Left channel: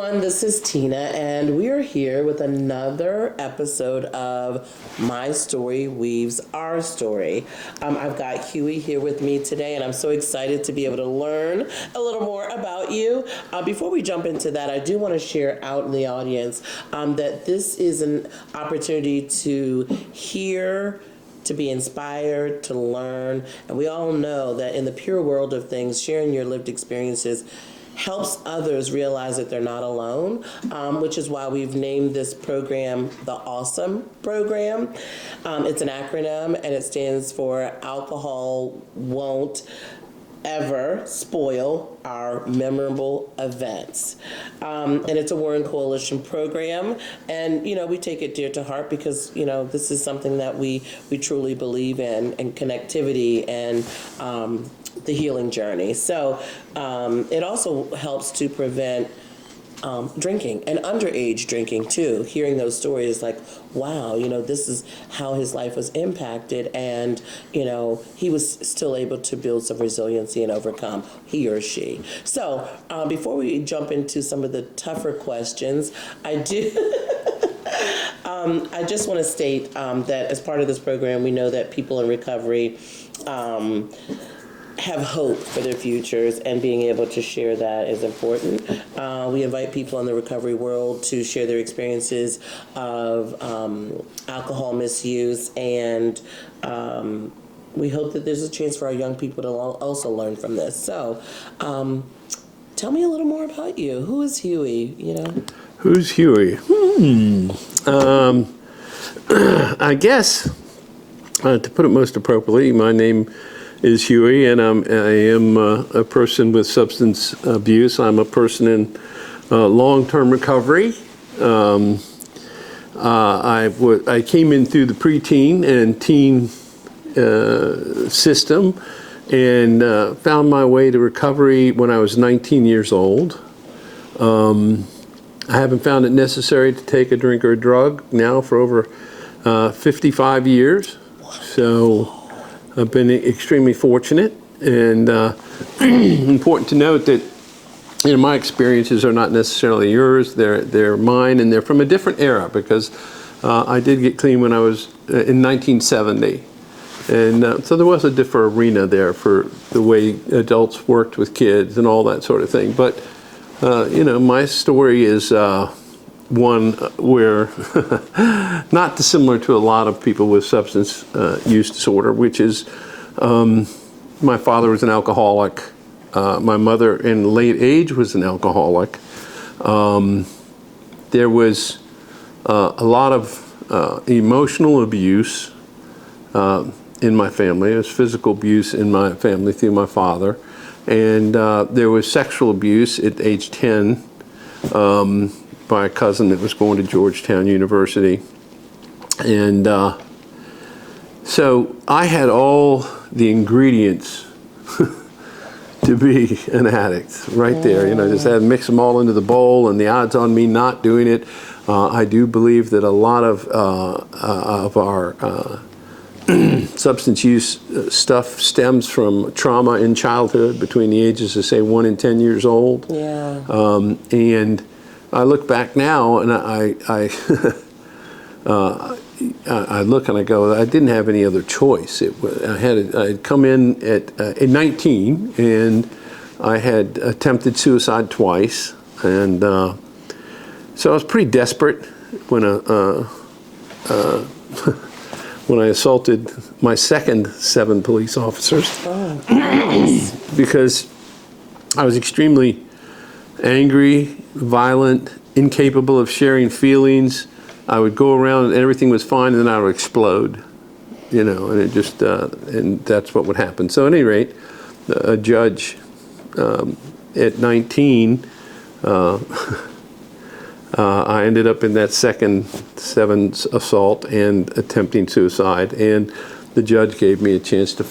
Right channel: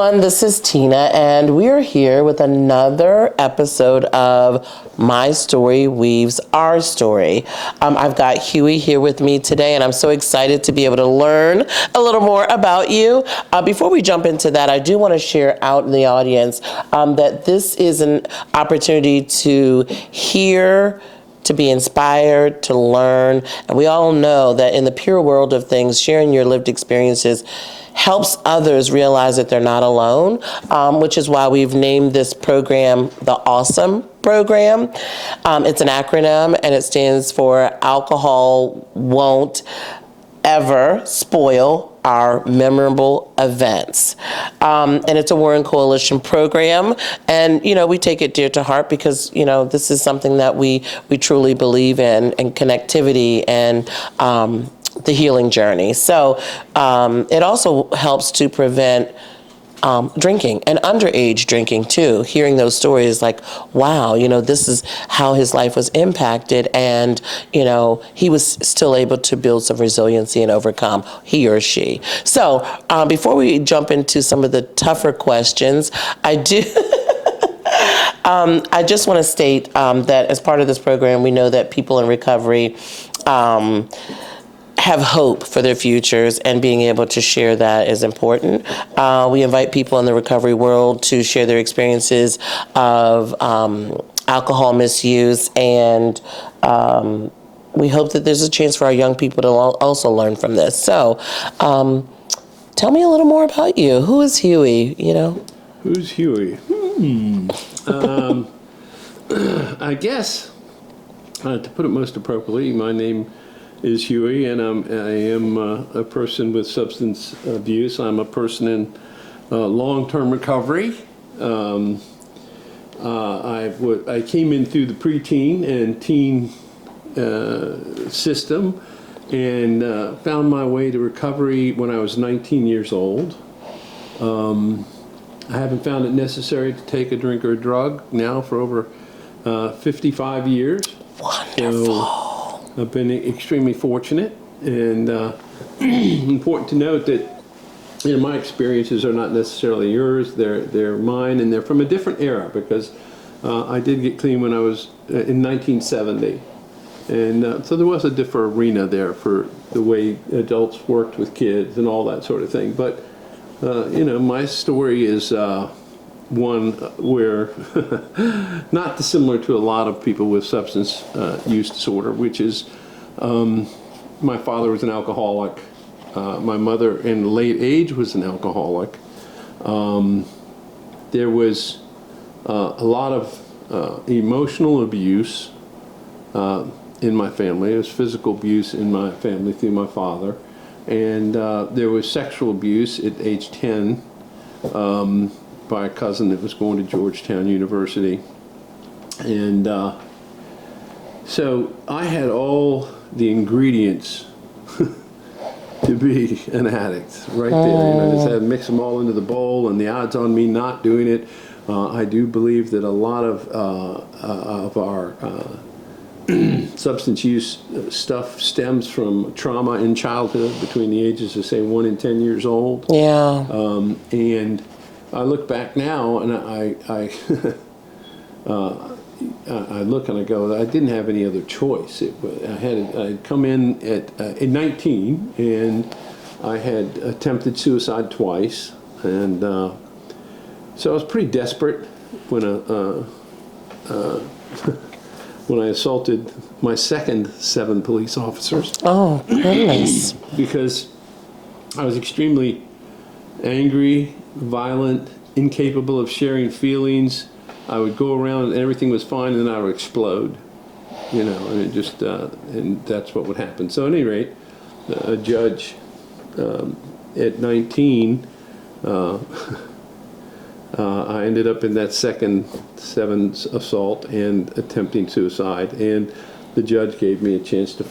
everyone, this is Tina, and we are here with another episode of My Story Weaves Our Story. I've got Hughie here with me today, and I'm so excited to be able to learn a little more about you. Before we jump into that, I do want to share out in the audience that this is an opportunity to hear, to be inspired, to learn. And we all know that in the pure world of things, sharing your lived experiences helps others realize that they're not alone, which is why we've named this program the Awesome Program. It's an acronym, and it stands for Alcohol Won't Ever Spoil Our Memorable Events. And it's a Warren Coalition program. And, we take it dear to heart because, this is something that we truly believe in, and connectivity and the healing journey. So it also helps to prevent drinking and underage drinking too. Hearing those stories like, wow, this is how his life was impacted, and he was still able to build some resiliency and overcome, he or she. So before we jump into some of the tougher questions, I just want to state that as part of this program, we know that people in recovery have hope for their futures, and being able to share that is important. We invite people in the recovery world to share their experiences of alcohol misuse, and we hope that there's a chance for our young people to also learn from this. So tell me a little more about you. Who is Hughie, Who's Hughie? I guess, to put it most appropriately, my name is Hughie, and I am a person with substance abuse. I'm a person in long-term recovery. I came in through the preteen and teen system, and found my way to recovery when I was 19 years old. I haven't found it necessary to take a drink or a drug now for over 55 years. Wonderful. So I've been extremely fortunate, and important to note that my experiences are not necessarily yours. They're mine, and they're from a different era, because I did get clean when I was in 1970, and so there was a different arena there for the way adults worked with kids and all that sort of thing. But my story is one where not dissimilar to a lot of people with substance use disorder, which is my father was an alcoholic. My mother in late age was an alcoholic. There was a lot of emotional abuse in my family. There was physical abuse in my family through my father. And there was sexual abuse at age 10 by a cousin that was going to Georgetown University. And so I had all the ingredients to be an addict right there. Just had to mix them all into the bowl, and the odds on me not doing it. I do believe that a lot of our substance use stuff stems from trauma in childhood between the ages of, say, 1 and 10 years old. Yeah. And I look back now, and I look and I go, I didn't have any other choice. I had come in at 19, and I had attempted suicide twice, and so I was pretty desperate when when I assaulted my second 7 police officers. Oh, goodness. Because I was extremely angry, violent, incapable of sharing feelings. I would go around and everything was fine, and then I would explode, and it just, and that's what would happen. So at any rate, a judge at 19, I ended up in that second 7 assault and attempting suicide, and the judge gave me a chance to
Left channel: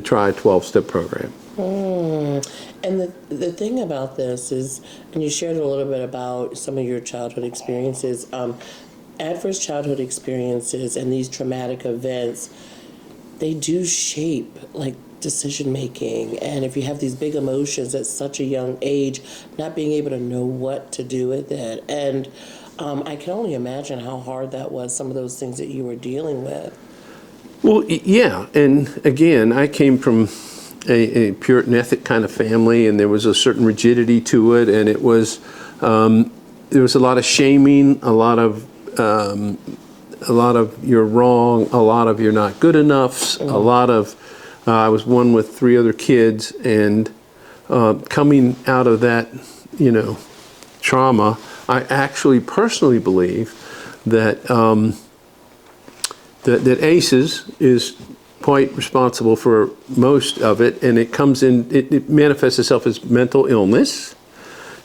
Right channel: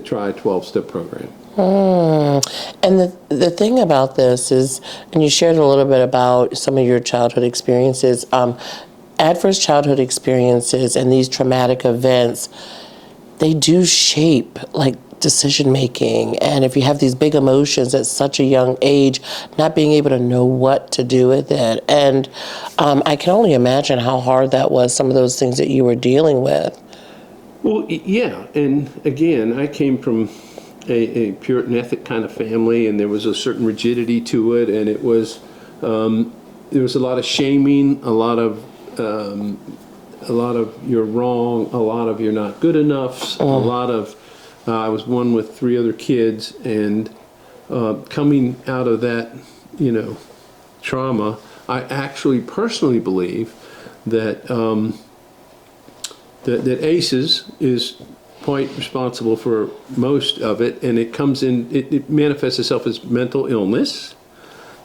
try a 12-step program. And the thing about this is, and you shared a little bit about some of your childhood experiences, adverse childhood experiences and these traumatic events, they do shape, decision making, and if you have these big emotions at such a young age, not being able to know what to do with it. And I can only imagine how hard that was, some of those things that you were dealing with. Well, yeah, and again, I came from a Puritan ethic kind of family, and there was a certain rigidity to it, and it was there was a lot of shaming, a lot of you're wrong, a lot of you're not good enough, a lot of I was one with 3 other kids, and coming out of that, trauma, I actually personally believe that that ACEs is quite responsible for most of it, and it comes in, it manifests itself as mental illness,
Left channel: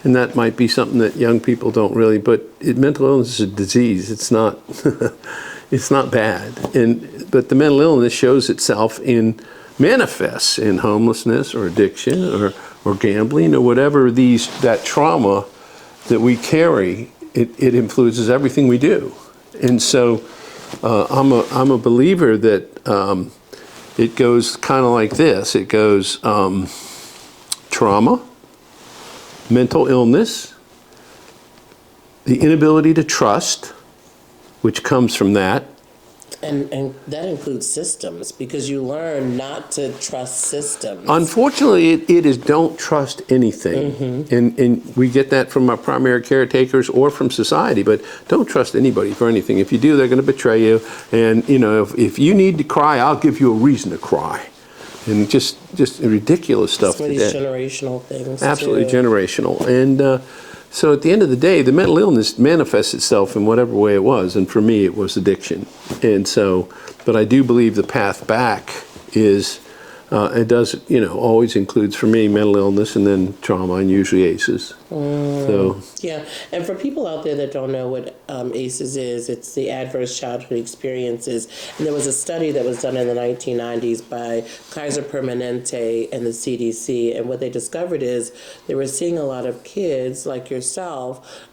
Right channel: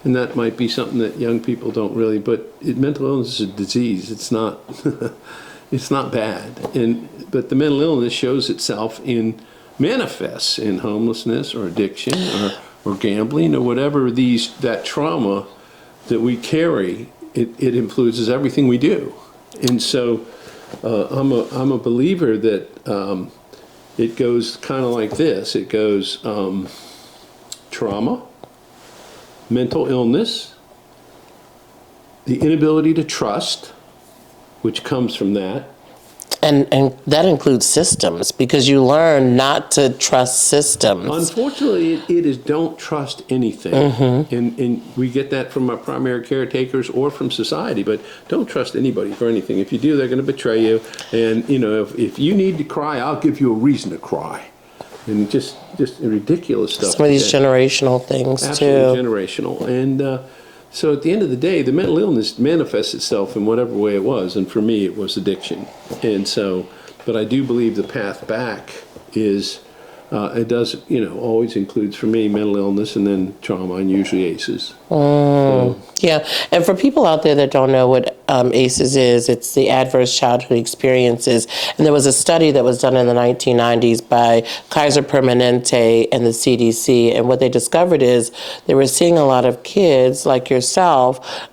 and that might be something that young people don't really, but mental illness is a disease. It's not, it's not bad, but the mental illness shows itself manifests in homelessness or addiction or gambling or whatever that trauma that we carry. It influences everything we do, and so I'm a believer that it goes kind of like this. It goes trauma, mental illness, the inability to trust, which comes from that. And that includes systems, because you learn not to trust systems. Unfortunately, it is don't trust anything. And we get that from our primary caretakers or from society, but don't trust anybody for anything. If you do, they're going to betray you. And, if you need to cry, I'll give you a reason to cry. And just ridiculous stuff. Some of these generational things, absolutely too. Generational. And so at the end of the day, the mental illness manifests itself in whatever way it was. And for me, it was addiction. And so, but I do believe the path back is, it does, always includes for me mental illness and then trauma, and usually ACEs. So. Yeah, and for people out there that don't know what ACEs is, it's the Adverse Childhood Experiences. And there was a study that was done in the 1990s by Kaiser Permanente and the CDC. And what they discovered is they were seeing a lot of kids like yourself,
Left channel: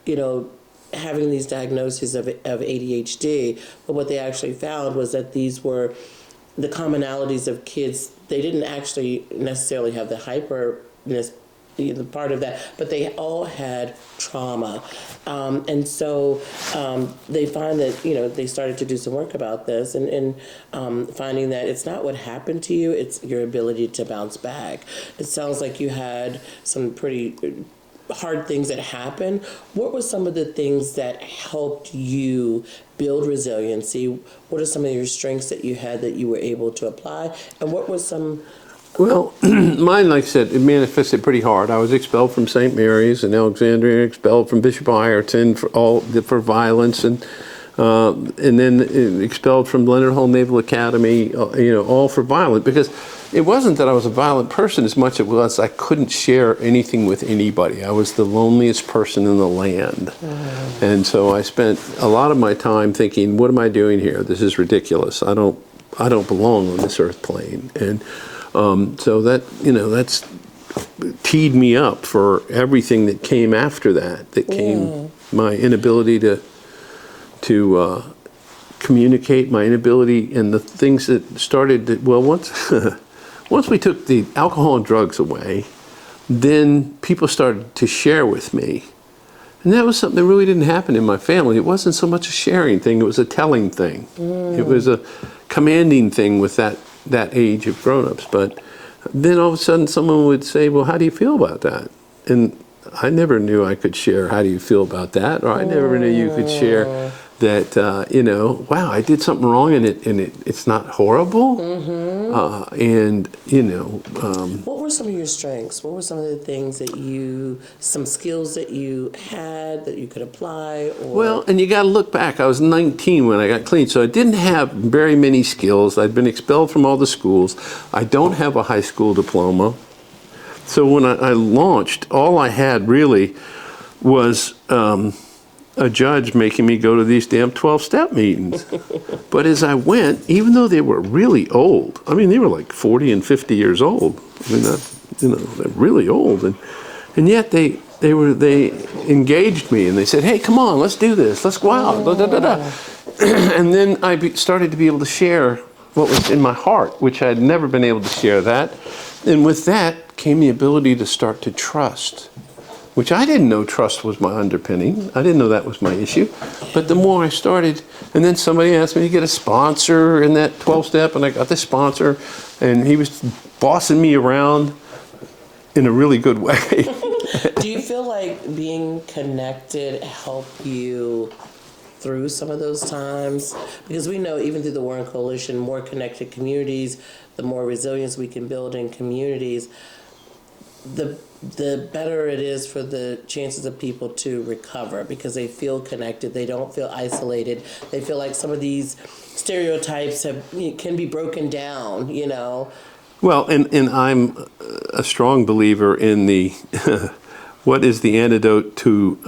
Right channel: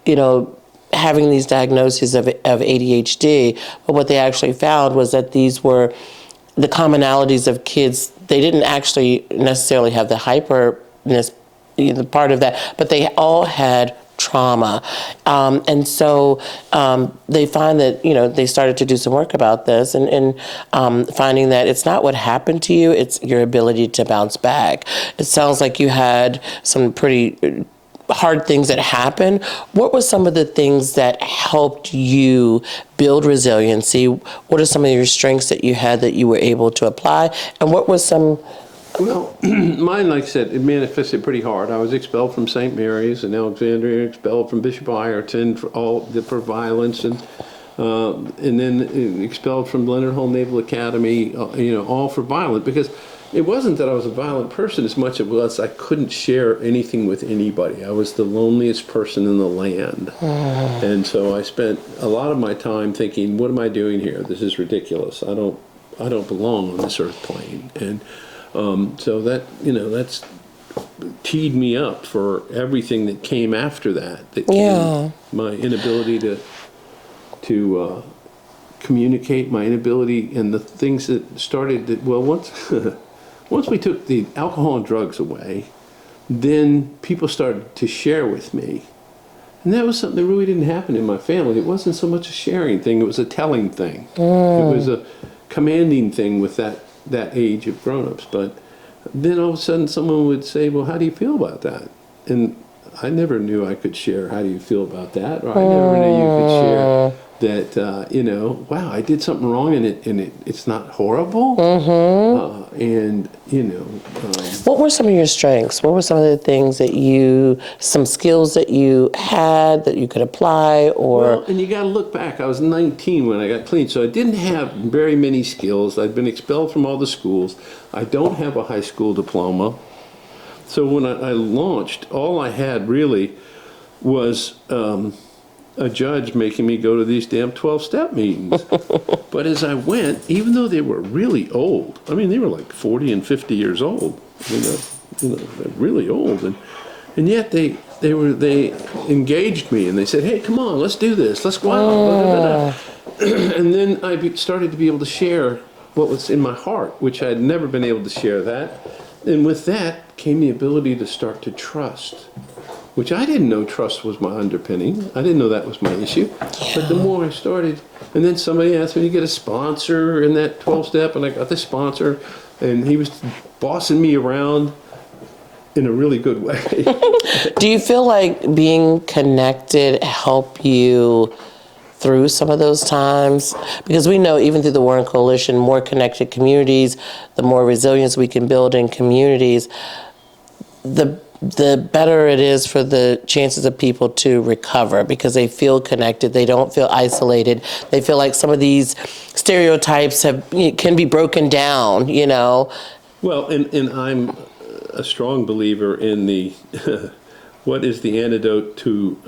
having these diagnoses of ADHD. But what they actually found was that these were the commonalities of kids. They didn't actually necessarily have the hyperness, part of that, but they all had trauma. And so they find that, they started to do some work about this and finding that it's not what happened to you, it's your ability to bounce back. It sounds like you had some pretty hard things that happened. What were some of the things that helped you build resiliency? What are some of your strengths that you had that you were able to apply? And what was some... Well, mine, like I said, it manifested pretty hard. I was expelled from St. Mary's in Alexandria, expelled from Bishop Ireton for violence, and then expelled from Leonard Hall Naval Academy, all for violence, because it wasn't that I was a violent person as much as it was I couldn't share anything with anybody. I was the loneliest person in the land. And so I spent a lot of my time thinking, what am I doing here? This is ridiculous. I don't belong on this earth plane. And so that, that's teed me up for everything that came after that. That came, my inability to communicate, my inability, and the things that started to, once we took the alcohol and drugs away, then people started to share with me. And that was something that really didn't happen in my family. It wasn't so much a sharing thing, it was a telling thing. It was a commanding thing with that age of grown-ups. But then all of a sudden someone would say, well, how do you feel about that? And I never knew I could share, how do you feel about that? Or I never knew you could share that, wow, I did something wrong and it's not horrible. What were some of your strengths? What were some of the things that some skills that you had that you could apply? Well, and you got to look back. I was 19 when I got clean, so I didn't have very many skills. I'd been expelled from all the schools. I don't have a high school diploma. So when I launched, all I had really was a judge making me go to these damn 12-step meetings. But as I went, even though they were really old, I mean, they were like 40 and 50 years old. I mean, they're really old. And yet they engaged me and they said, hey, come on, let's do this. Let's go out. And then I started to be able to share what was in my heart, which I had never been able to share that. And with that came the ability to start to trust, which I didn't know trust was my underpinning. I didn't know that was my issue. Yeah. But the more I started, and then somebody asked me to get a sponsor in that 12-step, and I got the sponsor, and he was bossing me around in a really good way. Do you feel like being connected helped you through some of those times? Because we know even through the Warren Coalition, more connected communities, the more resilience we can build in communities, the better it is for the chances of people to recover because they feel connected. They don't feel isolated. They feel like some of these stereotypes can be broken down, you know. Well, and I'm a strong believer in the what is the antidote to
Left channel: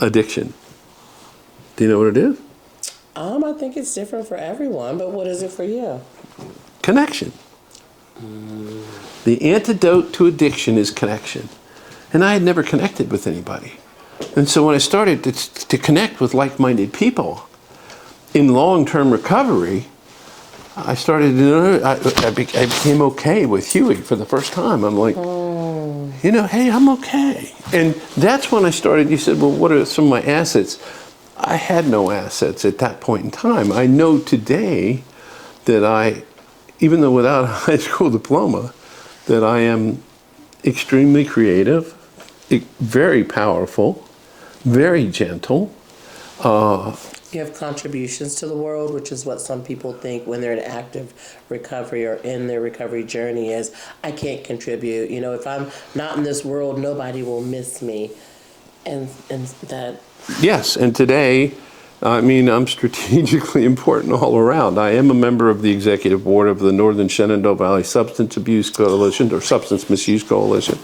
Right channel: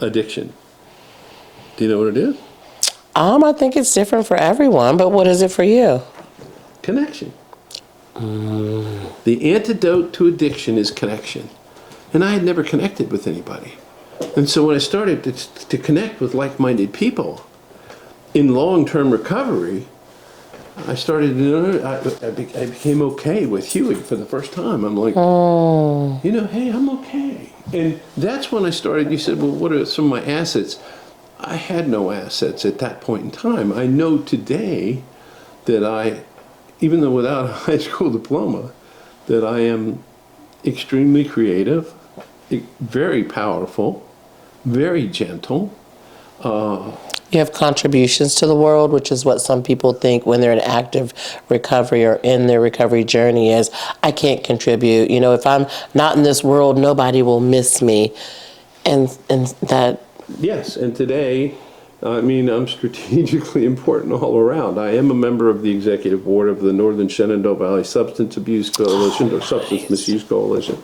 addiction? Do you know what it is? I think it's different for everyone, but what is it for you? Connection. The antidote to addiction is connection. And I had never connected with anybody. And so when I started to connect with like-minded people in long-term recovery, I started, I became okay with Hughie for the first time. I'm like, you know, hey, I'm okay. And that's when I started, you said, well, what are some of my assets? I had no assets at that point in time. I know today that even though without a high school diploma, that I am extremely creative, very powerful, very gentle. You have contributions to the world, which is what some people think when they're in active recovery or in their recovery journey is, I can't contribute. You know, if I'm not in this world, nobody will miss me. And that... Yes, and today, I mean, I'm strategically important all around. I am a member of the executive board of the Northern Shenandoah Valley Substance Abuse Coalition, or Substance Misuse Coalition.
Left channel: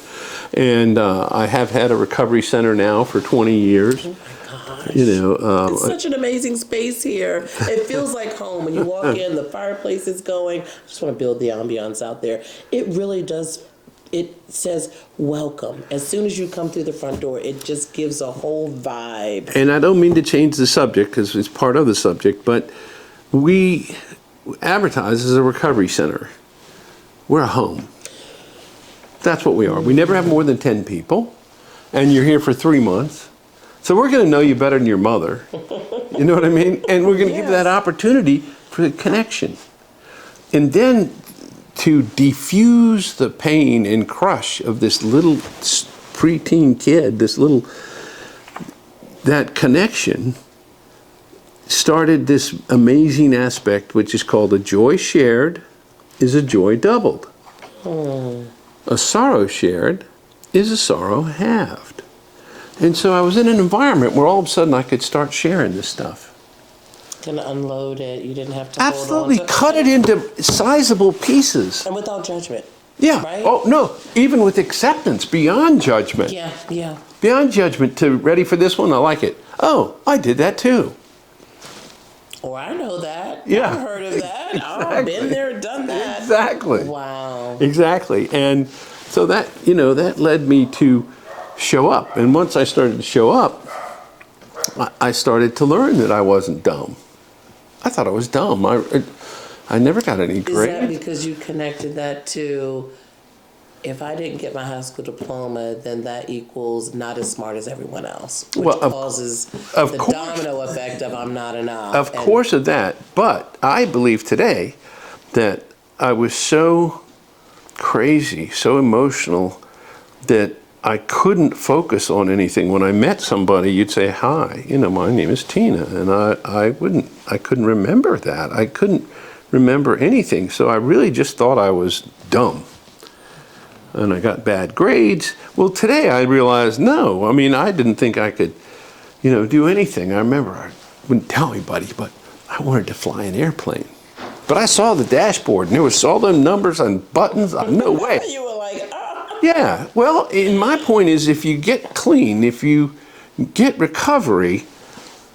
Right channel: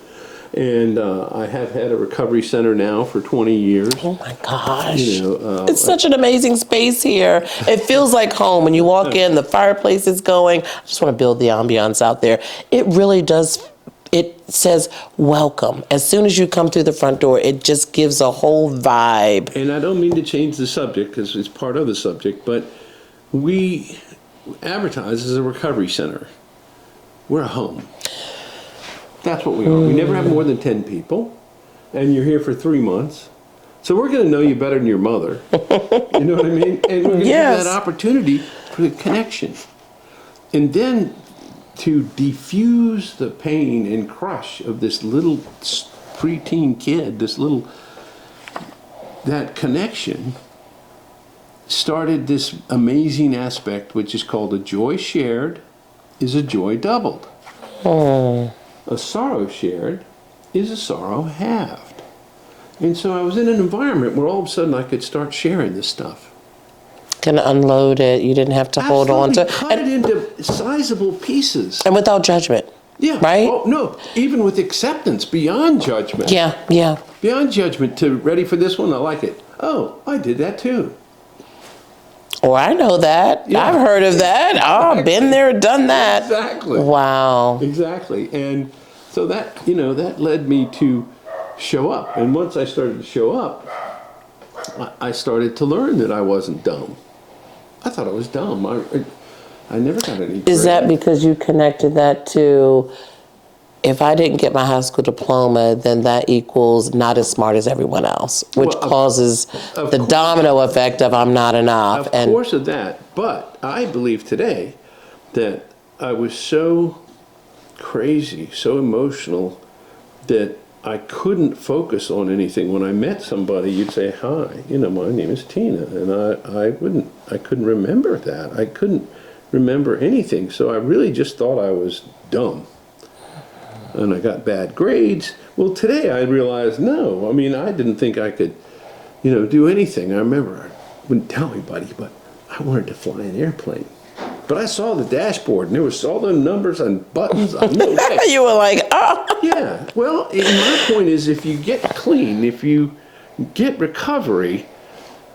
And I have had a recovery center now for 20 years. Oh my gosh. You know, it's such an amazing space here. It feels like home. When you walk in, the fireplace is going. I just want to build the ambiance out there. It really does. It says welcome. As soon as you come through the front door, it just gives a whole vibe. And I don't mean to change the subject because it's part of the subject, but we advertise as a recovery center. We're a home. That's what we are. We never have more than 10 people, and you're here for 3 months. So we're going to know you better than your mother. You know what I mean? And we're going to give you that opportunity for the connection. And then to diffuse the pain and crush of this little preteen kid, that connection started this amazing aspect, which is called a joy shared is a joy doubled. Oh. A sorrow shared is a sorrow halved. And so I was in an environment where all of a sudden I could start sharing this stuff. Can unload it. You didn't have to hold on to it. Cut it into sizable pieces. And without judgment. Yeah. Right? Oh, no. Even with acceptance, beyond judgment. Yeah, yeah. Beyond judgment to ready for this one, I like it. Oh, I did that too. Oh, I know that. Yeah. I've heard of that. Oh, I've been there, done that. Exactly. Wow. Exactly. And so that, you know, that led me to show up. And once I started to show up, I started to learn that I wasn't dumb. I thought I was dumb. I never got any grade. Is that because you connected that to, if I didn't get my high school diploma, then that equals not as smart as everyone else, which causes the domino effect of I'm not enough. Of course of that. But I believe today that I was so crazy, so emotional, that I couldn't focus on anything. When I met somebody, you'd say, hi, you know, my name is Tina. And I couldn't remember that. I couldn't remember anything. So I really just thought I was dumb. And I got bad grades. Well, today I realized, no, I mean, I didn't think I could, you know, do anything. I remember I wouldn't tell anybody, but I wanted to fly an airplane. But I saw the dashboard, and there was all the numbers and buttons. No way. You were like, oh. Yeah. Well, my point is, if you get clean, if you get recovery,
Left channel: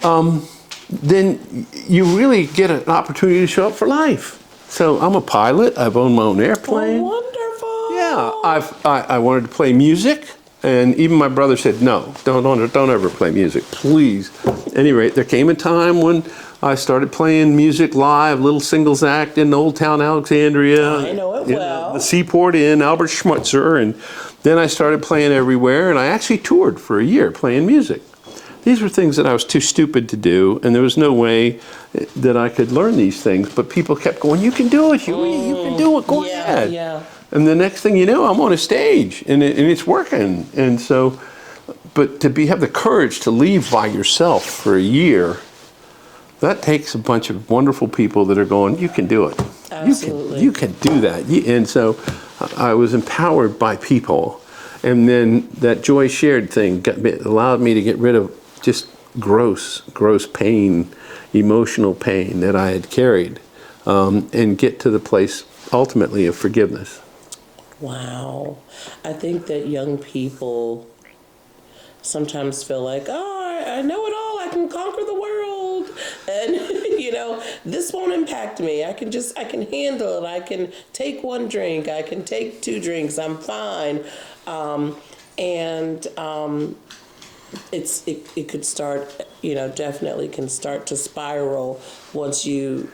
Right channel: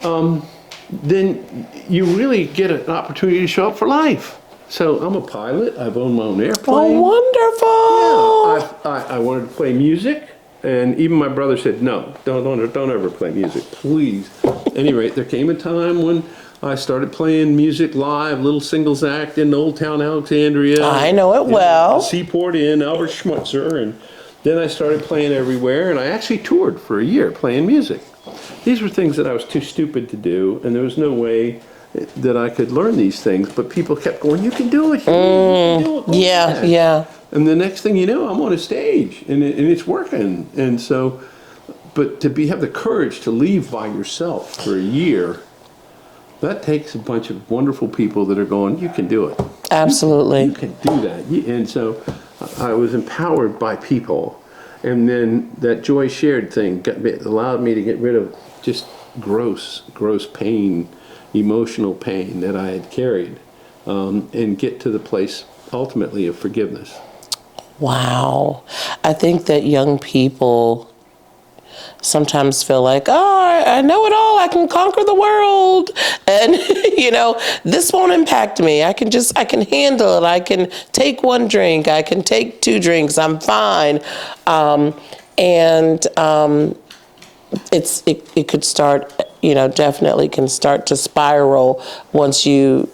then you really get an opportunity to show up for life. So I'm a pilot. I've owned my own airplane. Oh, wonderful. Yeah. I wanted to play music. And even my brother said, no, don't ever play music, please. At any rate, there came a time when I started playing music live, little singles act in Old Town Alexandria. I know it well. The Seaport Inn, Albert Schmuitzer. And then I started playing everywhere, and I actually toured for a year playing music. These were things that I was too stupid to do, and there was no way that I could learn these things. But people kept going, you can do it, you can do it, go ahead. Yeah. And the next thing you know, I'm on a stage, and it's working. And so, but to have the courage to leave by yourself for a year, that takes a bunch of wonderful people that are going, you can do it. Absolutely. You can do that. And so I was empowered by people. And then that joy shared thing allowed me to get rid of just gross pain, emotional pain that I had carried, and get to the place ultimately of forgiveness. Wow. I think that young people sometimes feel like, oh, I know it all. I can conquer the world. And, this won't impact me. I can handle it. I can take one drink. I can take 2 drinks. I'm fine. It could start, definitely can start to spiral once you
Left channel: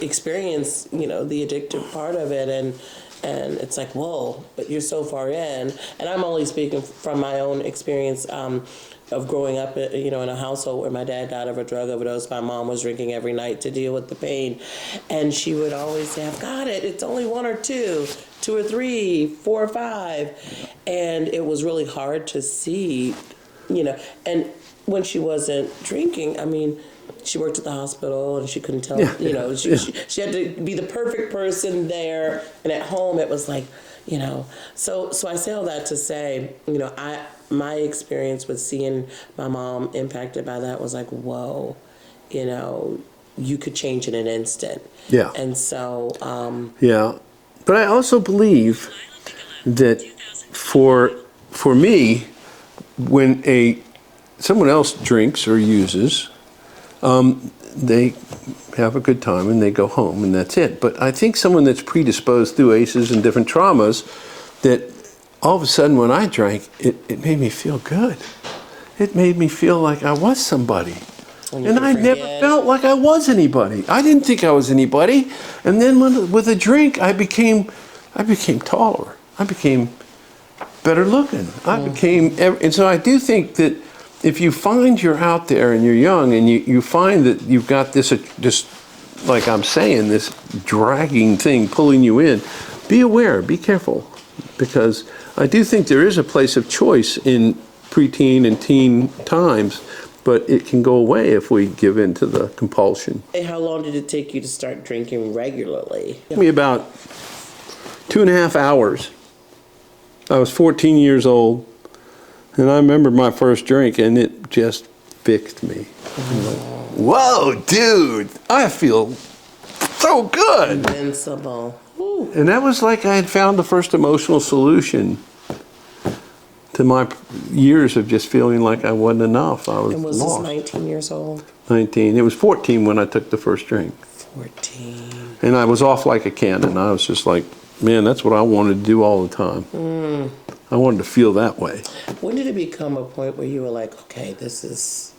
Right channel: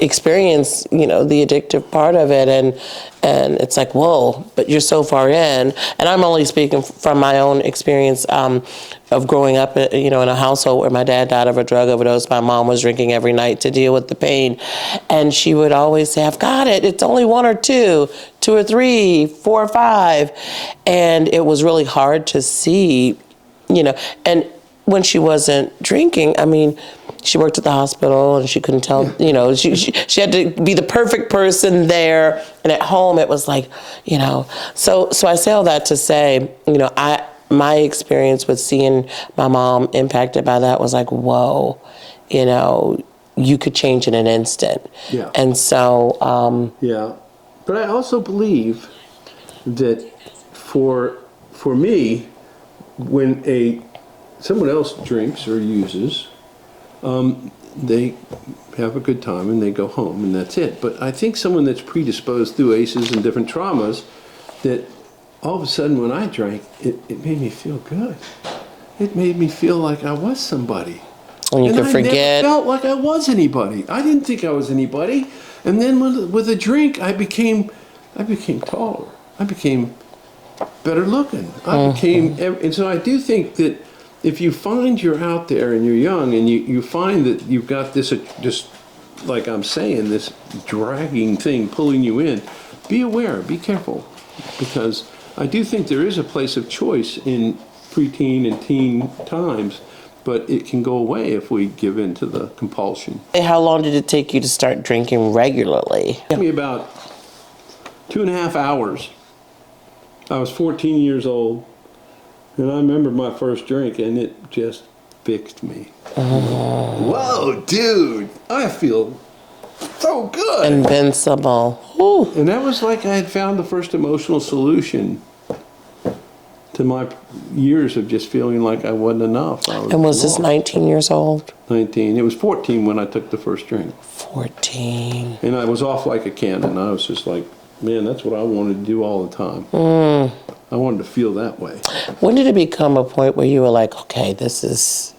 experience, the addictive part of it. And it's like, whoa, but you're so far in. And I'm only speaking from my own experience of growing up, in a household where my dad died of a drug overdose. My mom was drinking every night to deal with the pain. And she would always say, I've got it. It's only 1 or 2 or 3, 4 or 5. And it was really hard to see, and when she wasn't drinking, she worked at the hospital and she couldn't tell, she had to be the perfect person there. And at home it was like, so I say all that to say, my experience with seeing my mom impacted by that was like, whoa, you could change in an instant. Yeah. And so. Yeah. But I also believe that for me, when someone else drinks or uses, they have a good time and they go home and that's it. But I think someone that's predisposed through ACEs and different traumas, that all of a sudden when I drank, it made me feel good. It made me feel like I was somebody. And you could forget. I never felt like I was anybody. I didn't think I was anybody. And then with a drink, I became taller. I became better looking. And so I do think that if you find you're out there and you're young and you find that you've got this, like I'm saying, this dragging thing pulling you in, be aware, be careful. Because I do think there is a place of choice in preteen and teen times, but it can go away if we give in to the compulsion. How long did it take you to start drinking regularly? It took me about 2.5 hours. I was 14 years old, and I remember my first drink, and it just fixed me. Whoa, dude, I feel so good. Invincible. Ooh. And that was like I had found the first emotional solution to my years of just feeling like I wasn't enough. And was this 19 years old? 19. It was 14 when I took the first drink. 14. And I was off like a cannon. I was just like, man, that's what I wanted to do all the time. I wanted to feel that way. When did it become a point where you were like, okay, this is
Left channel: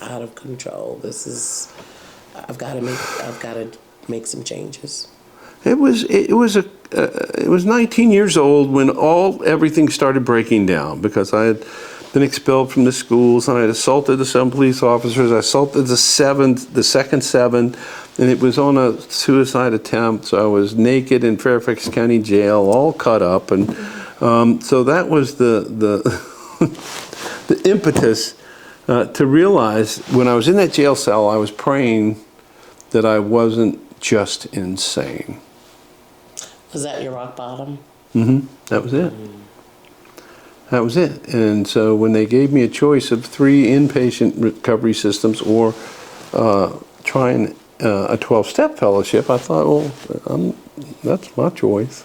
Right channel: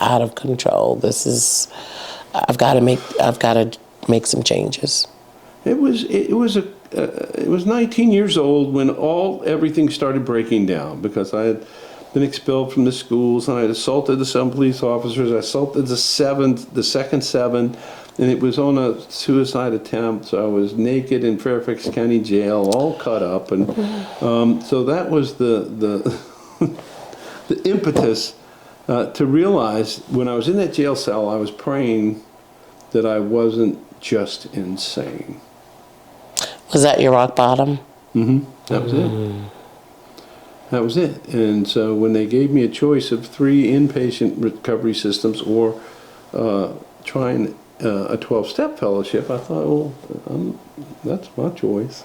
out of control. I've got to make some changes. It was 19 years old when everything started breaking down, because I had been expelled from the schools and I had assaulted some police officers. I assaulted the second 7, and it was on a suicide attempt. So I was naked in Fairfax County Jail, all cut up, and so that was the impetus to realize when I was in that jail cell, I was praying that I wasn't just insane. Was that your rock bottom? Mm-hmm. That was it. That was it. And so when they gave me a choice of 3 inpatient recovery systems or trying a 12-step fellowship, I thought, well, that's my choice.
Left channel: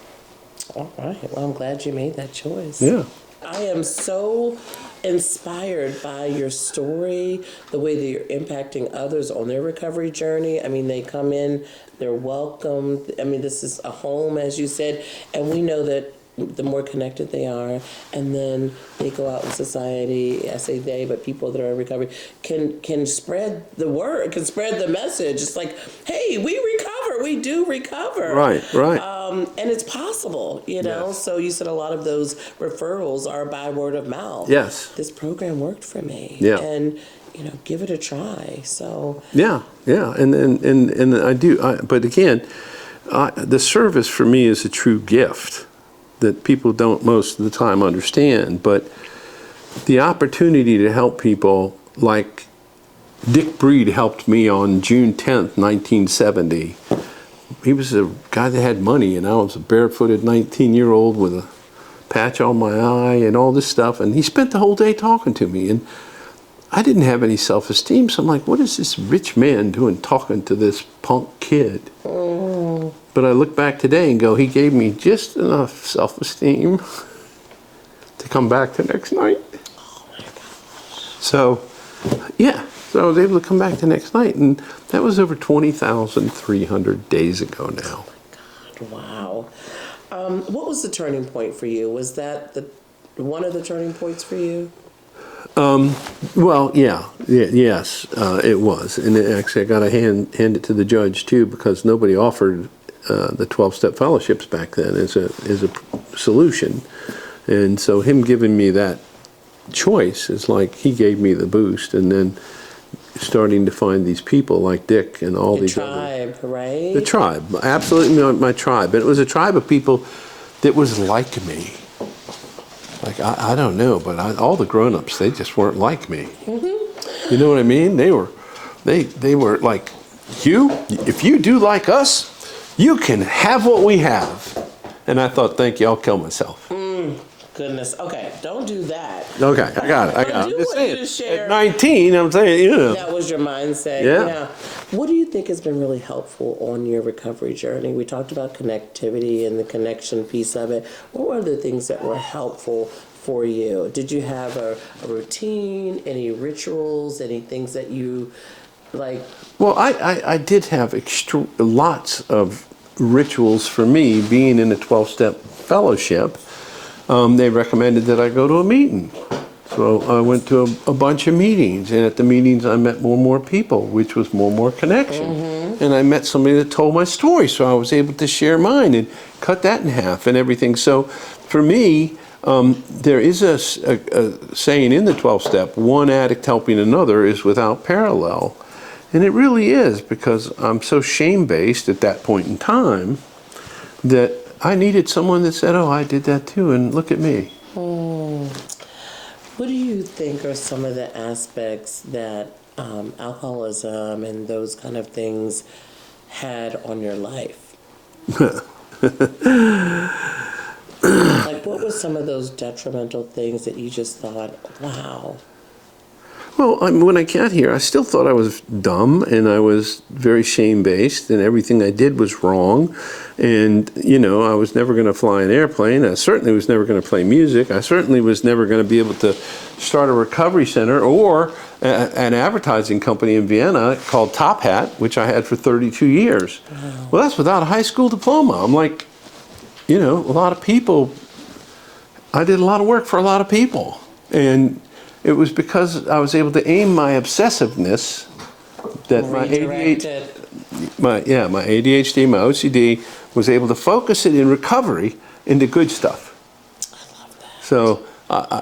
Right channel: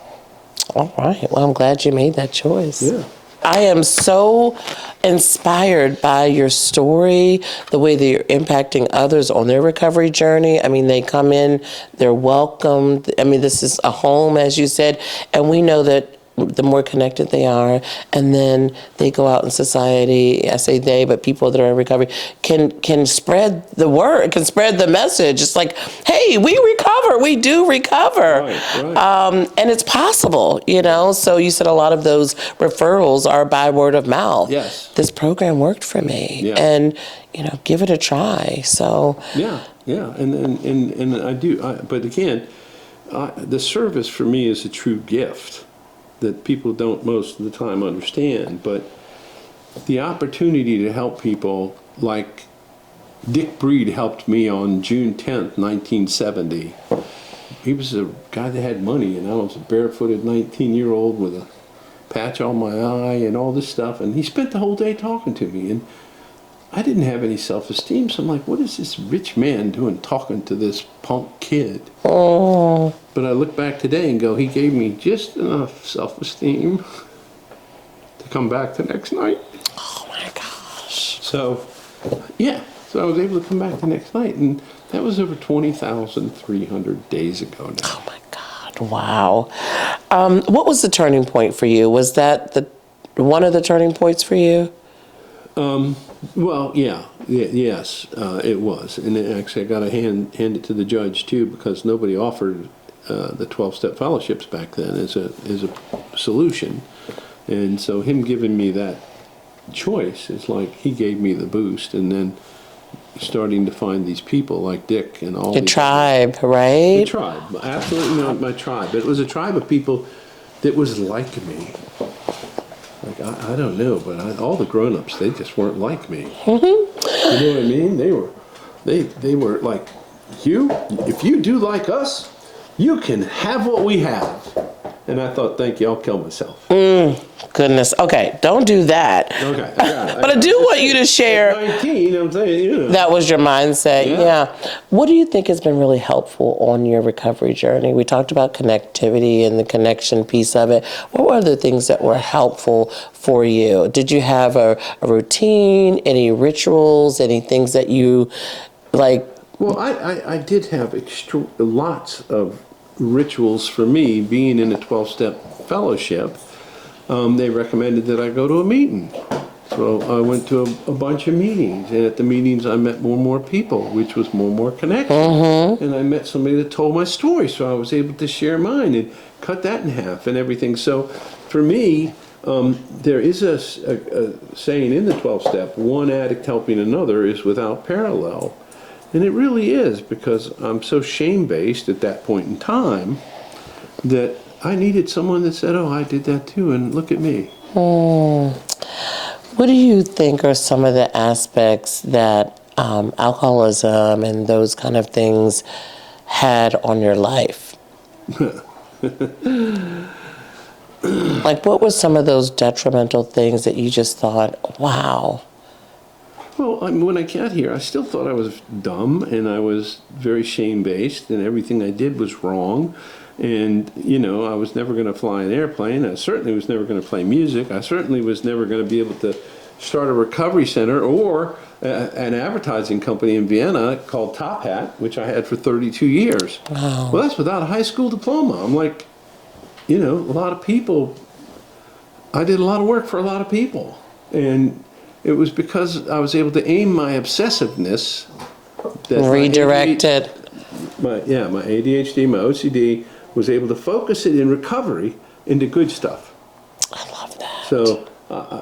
All right. Well, I'm glad you made that choice. Yeah. I am so inspired by your story, the way that you're impacting others on their recovery journey. They come in, they're welcomed. This is a home, as you said, and we know that the more connected they are, and then they go out in society. I say they, but people that are in recovery can spread the word, can spread the message. It's like, hey, we recover, we do recover. Right. And it's possible, you know. So you said a lot of those referrals are by word of mouth. Yes. This program worked for me, and you know, give it a try. So yeah, and I do. But again, the service for me is a true gift that people don't most of the time understand. But the opportunity to help people, like Dick Breed helped me on June 10th, 1970. He was a guy that had money, and I was a barefooted 19-year-old with a patch on my eye and all this stuff. And he spent the whole day talking to me, and I didn't have any self-esteem, so I'm like, what is this rich man doing talking to this punk kid? Oh. But I look back today and go, he gave me just enough self-esteem to come back the next night. Oh my gosh. So, yeah, so I was able to come back the next night, and that was over 20,300 days ago now. Oh my God, wow. What was the turning point for you? Was that one of the turning points for you? Well, yes, it was. And actually, I got to hand it to the judge, too, because nobody offered the 12-step fellowships back then as a solution. And so him giving me that choice is like he gave me the boost. And then starting to find these people like Dick and all Your these tribe, right? The tribe, absolutely not my tribe. It was a tribe of people that was like me. Like, I don't know, but all the grown-ups, they just weren't like me. Mm-hmm. You know what I mean? They were like, Hugh, if you do like us, you can have what we have. And I thought, thank you, I'll kill myself. Goodness. Okay, don't do that. Okay, I got it. But I do want you to share. At 19, I'm saying, you know. That was your mindset, Yeah. What do you think has been really helpful on your recovery journey? We talked about connectivity and the connection piece of it. What were other things that were helpful for you? Did you have a routine, any rituals, any things that you like? Well, I did have lots of rituals for me being in a 12-step fellowship. They recommended that I go to a meeting. So I went to a bunch of meetings, and at the meetings I met more and more people, which was more and more connection. Mm-hmm. And I met somebody that told my story, so I was able to share mine and cut that in half and everything. So for me, there is a saying in the 12-step, one addict helping another is without parallel. And it really is, because I'm so shame-based at that point in time that I needed someone that said, oh, I did that too, and look at me. What do you think are some of the aspects that alcoholism and those kind of things had on your life? Like, what were some of those detrimental things that you just thought, wow? Well, when I got here, I still thought I was dumb, and I was very shame-based, and everything I did was wrong. And, you know, I was never going to fly an airplane. I certainly was never going to play music. I certainly was never going to be able to start a recovery center or an advertising company in Vienna called Top Hat, which I had for 32 years. Wow. Well, that's without a high school diploma. I'm like, you know, a lot of people, I did a lot of work for a lot of people. And it was because I was able to aim my obsessiveness, that redirect it. My ADHD, my OCD, was able to focus it in recovery into good stuff. I love that. So,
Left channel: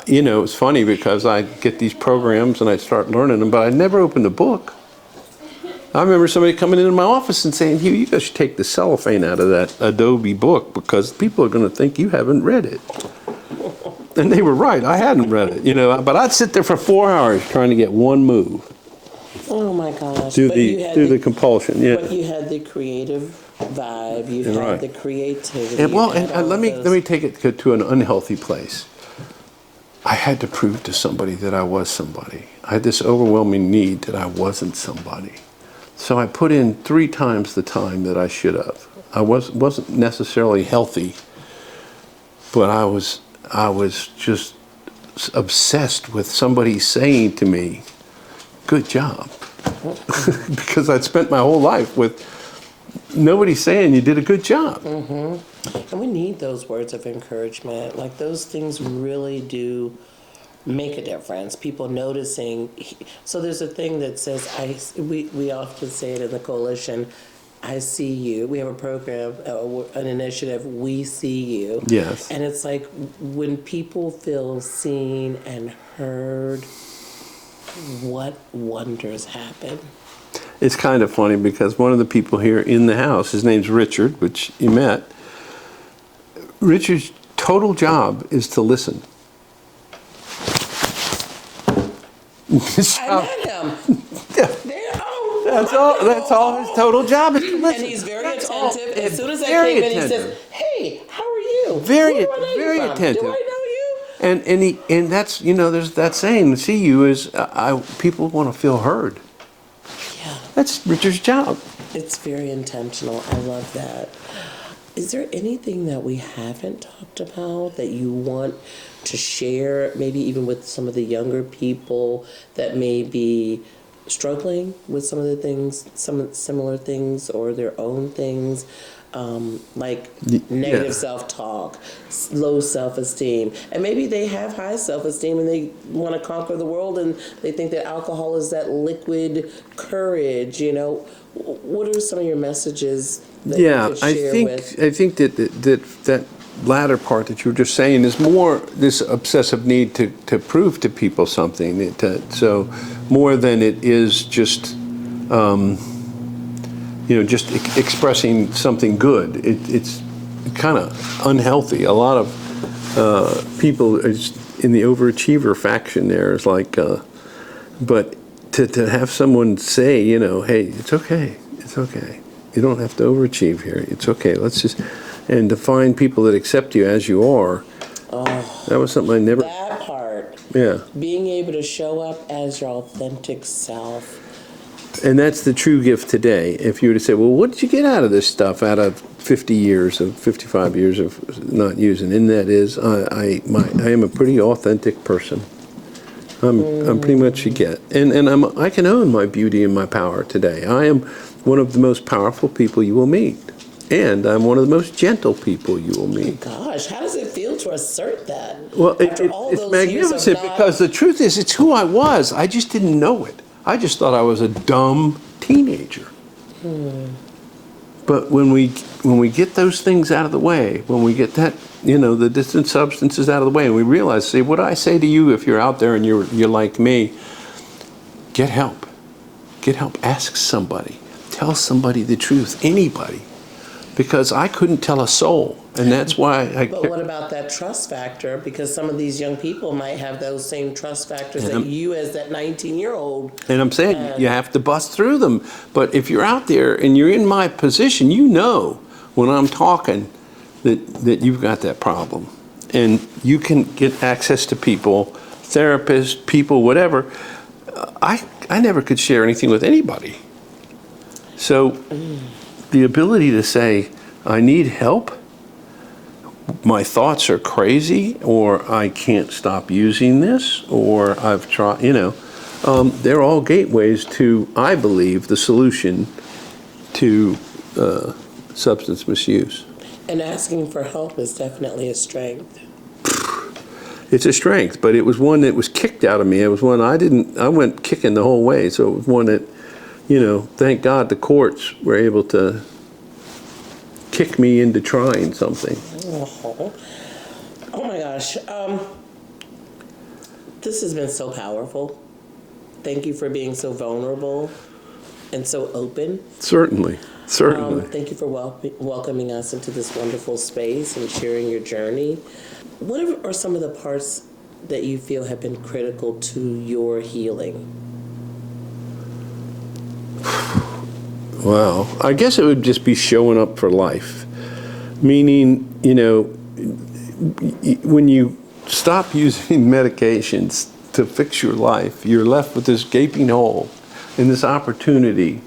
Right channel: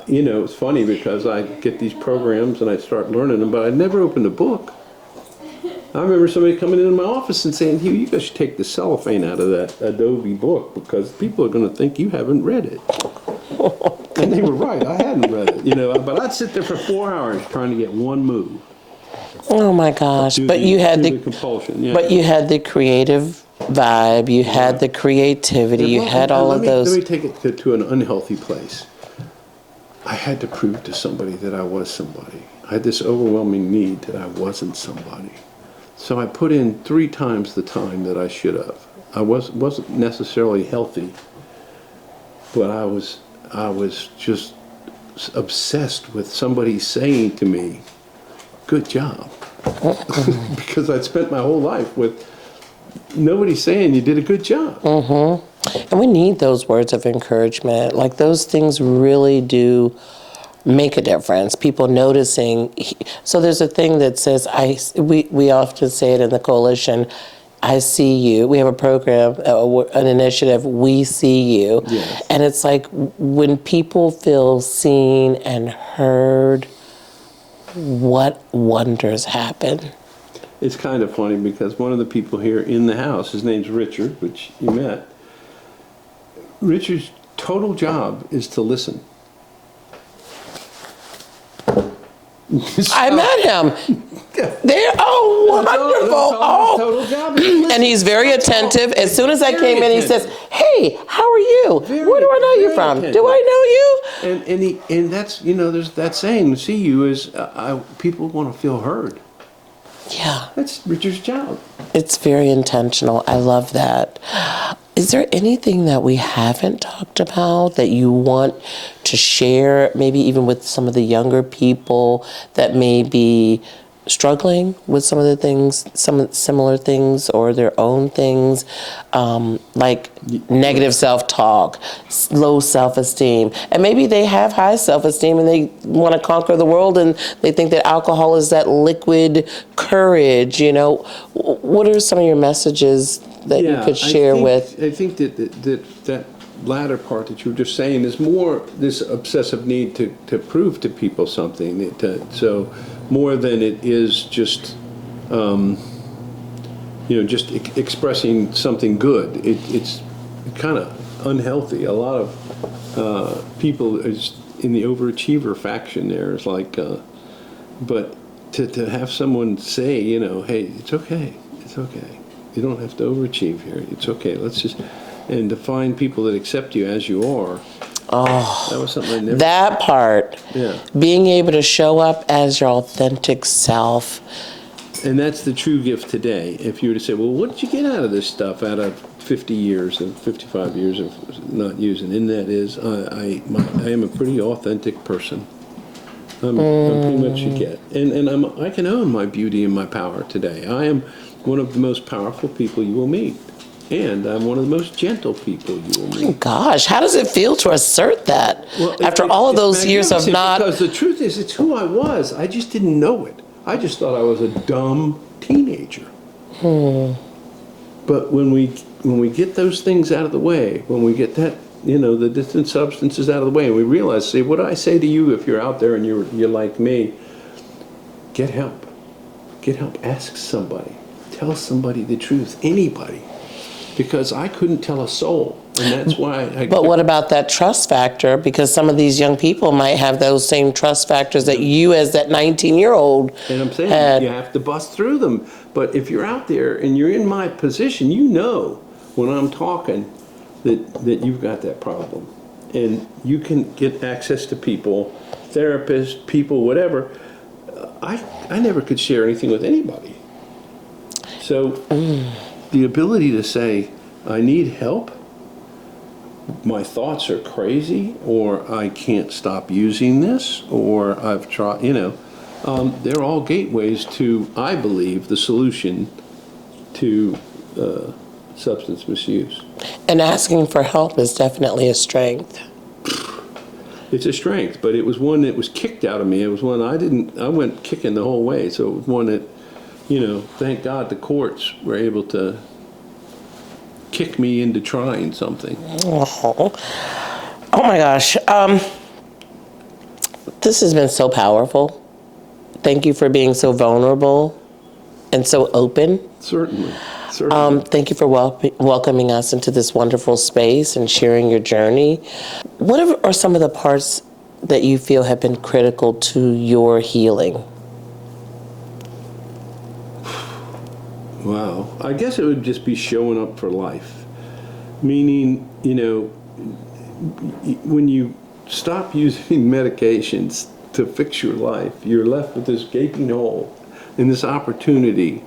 you know, it's funny because I get these programs and I start learning them, but I never opened a book. I remember somebody coming into my office and saying, Hugh, you guys should take the cellophane out of that Adobe book because people are going to think you haven't read it. And they were right. I hadn't read it, you know, but I'd sit there for 4 hours trying to get one move. Oh my gosh! You had the compulsion. Yeah. But you had the creative vibe. You had the creativity. You had all of those. Let me take it to an unhealthy place. I had to prove to somebody that I was somebody. I had this overwhelming need that I wasn't somebody. So I put in 3 times the time that I should have. I wasn't necessarily healthy, but I was just obsessed with somebody saying to me, good job. Because I'd spent my whole life with nobody saying you did a good job. Mm-hmm. And we need those words of encouragement. Like those things really do make a difference. People noticing. So there's a thing that says, we often say it in the coalition, I see you. We have a program, an initiative, we see you. Yes. And it's like when people feel seen and heard, what wonders happen. It's kind of funny because one of the people here in the house, his name's Richard, which you met. Richard's total job is to listen. I met him. They're wonderful. That's all his total job is. Listen. And he's very attentive. As soon as I Very came in, he says, attentive. "Hey, how are you? Where do I know you from? attentive. Do I know you?" And that's, there's that saying, see you is people want to feel heard. Yeah, That's Richard's job. it's very intentional. I love that. Is there anything that we haven't talked about that you want to share, maybe even with some of the younger people that may be struggling with some of the things, some similar things or their own things, like negative self-talk, low self-esteem, and maybe they have high self-esteem and they want to conquer the world and they think that alcohol is that liquid courage, What are some of your messages that you could share with? I think that latter part that you were just saying is more this obsessive need to prove to people something. So more than it is just, just expressing something good. It's kind of unhealthy. A lot of people in the overachiever faction there is like, but to have someone say, hey, it's okay. You don't have to overachieve here. It's okay. And to find people that accept you as you are. Oh, that was something I never. That part. Yeah. Being able to show up as your authentic self. And that's the true gift today. If you were to say, well, what did you get out of this stuff out of 50 years, of 55 years of not using? And that is, I am a pretty authentic person. I'm pretty much a get. And I can own my beauty and my power today. I am one of the most powerful people you will meet. And I'm one of the most gentle people you will meet. Oh gosh, how does it feel to assert that? Well, after all of those years of not... Because the truth is, it's who I was. I just didn't know it. I just thought I was a dumb teenager. But when we get those things out of the way, when we get that, the distant substances out of the way, and we realize, see, what I say to you if you're out there and you're like me, get help. Get help. Ask somebody. Tell somebody the truth. Anybody. Because I couldn't tell a soul, and that's why But what about that trust factor? Because some of these young people might have those same trust factors that you as that 19-year-old And I'm saying you have to bust through them. But if you're out there and you're in my position, when I'm talking that you've got that problem. And you can get access to people, therapists, people, whatever. I never could share anything with anybody. So... The ability to say, I need help, my thoughts are crazy, or I can't stop using this, or I've tried, they're all gateways to, I believe, the solution to substance misuse. And asking for help is definitely a strength. It's a strength, but it was one that was kicked out of me. It was one I went kicking the whole way, so it was one that, thank God the courts were able to kick me into trying something. Oh my gosh. This has been so powerful. Thank you for being so vulnerable and so open. Certainly. Thank you for welcoming us into this wonderful space and sharing your journey. What are some of the parts that you feel have been critical to your healing? Wow. I guess it would just be showing up for life. Meaning, when you stop using medications to fix your life, you're left with this gaping hole and this opportunity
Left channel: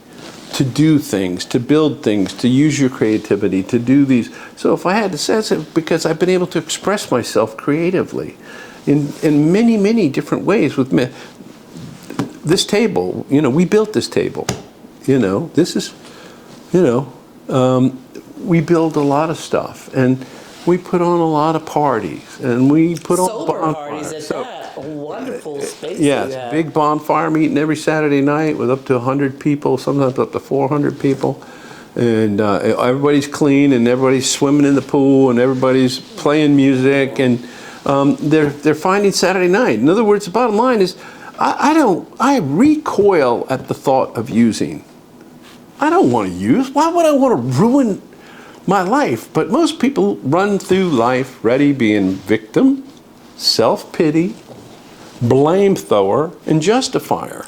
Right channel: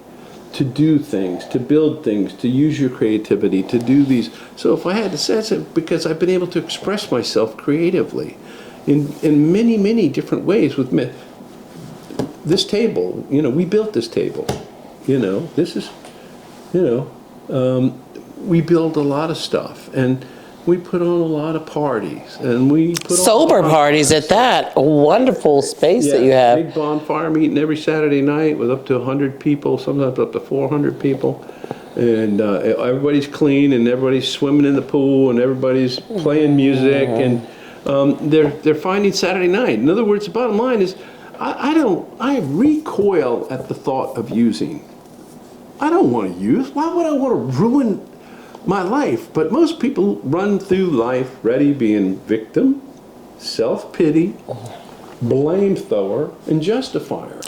to do things, to build things, to use your creativity, to do these. So if I had to say it, because I've been able to express myself creatively in many, many different ways with this table, we built this table. This is, we build a lot of stuff, and we put on a lot of parties, and we put on Sober parties at that. A wonderful space that you have. Big bonfire meeting every Saturday night with up to 100 people, sometimes up to 400 people. And everybody's clean, and everybody's swimming in the pool, and everybody's playing music, and they're finding Saturday night. In other words, the bottom line is, I recoil at the thought of using. I don't want to use. Why would I want to ruin my life? But most people run through life ready being victim, self-pity, blame thrower, and justifier.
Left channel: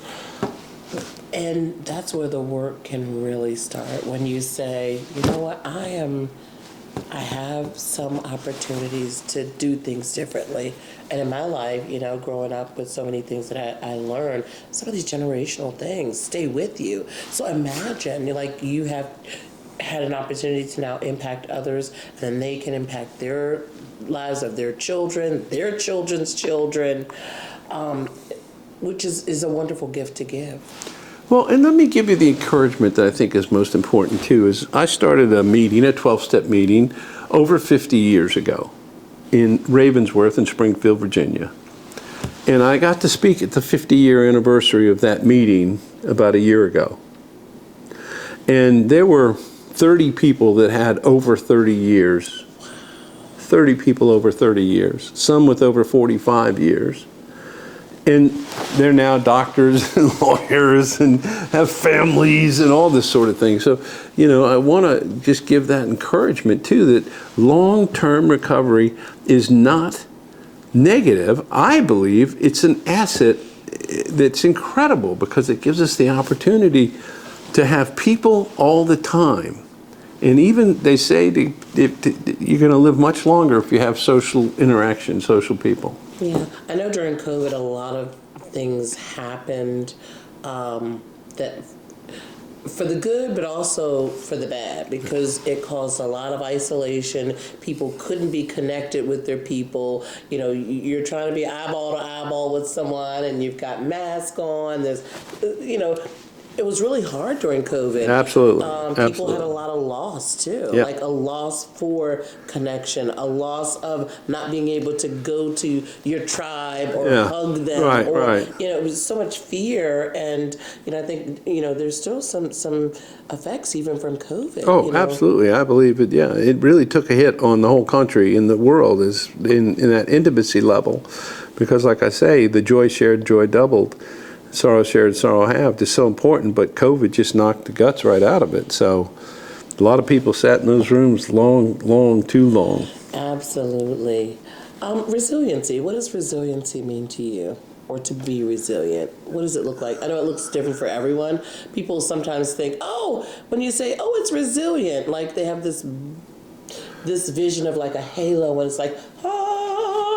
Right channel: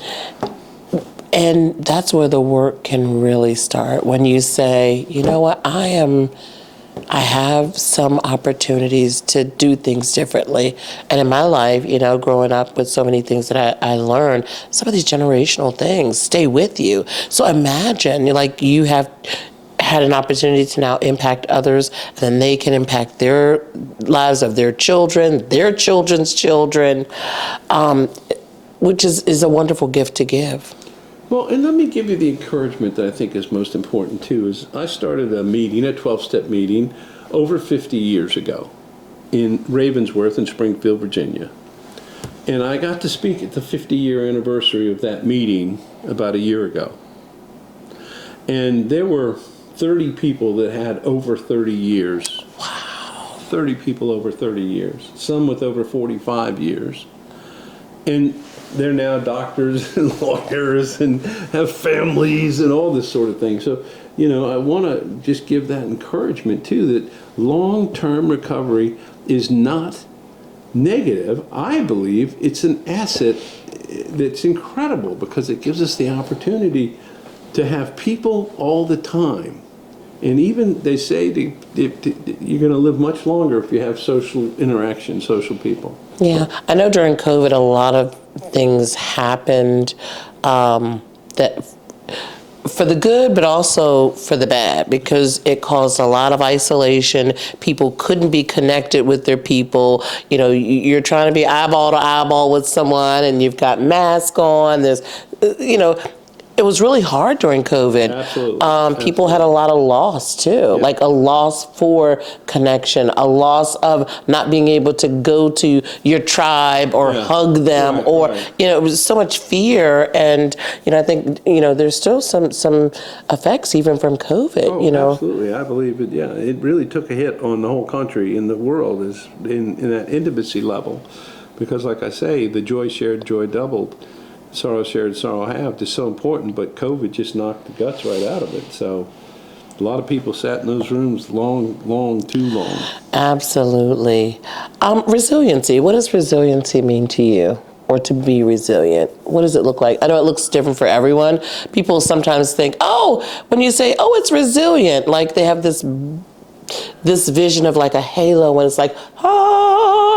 And that's where the work can really start. When you say, you know what, I have some opportunities to do things differently. And in my life, you know, growing up with so many things that I learned, some of these generational things stay with you. So imagine, like, you have had an opportunity to now impact others, and then they can impact their lives of their children, their children's children, which is a wonderful gift to give. Well, and let me give you the encouragement that I think is most important, too, is I started a meeting, a 12-step meeting, over 50 years ago in Ravensworth in Springfield, Virginia. And I got to speak at the 50-year anniversary of that meeting about a year ago. And there were 30 people that had over 30 years. Wow. 30 people over 30 years, some with over 45 years. And they're now doctors and lawyers and have families and all this sort of thing. So, you know, I want to just give that encouragement, too, that long-term recovery is not negative. I believe it's an asset that's incredible because it gives us the opportunity to have people all the time. And even they say you're going to live much longer if you have social interaction, social people. Yeah, I know during COVID a lot of things happened that for the good, but also for the bad, because it caused a lot of isolation. People couldn't be connected with their people. You know, you're trying to be eyeball to eyeball with someone, and you've got masks on. There's, you know, it was really hard during COVID. Absolutely. People had a lot of loss too, like a loss for connection, a loss of not being able to go to your tribe or hug them, you know, it was so much fear. And, you know, I think, you know, there's still some effects even from COVID. Oh, you know? Absolutely. I believe it. Yeah, it really took a hit on the whole country and the world is in that intimacy level, because, like I say, the joy shared, joy doubled. Sorrow shared, sorrow halved is so important, but COVID just knocked the guts right out of it. So a lot of people sat in those rooms too long. Absolutely. Resiliency. What does resiliency mean to you? Or to be resilient? What does it look like? I know it looks different for everyone. People sometimes think, oh, when you say, oh, it's resilient, like they have this vision of like a halo when it's like,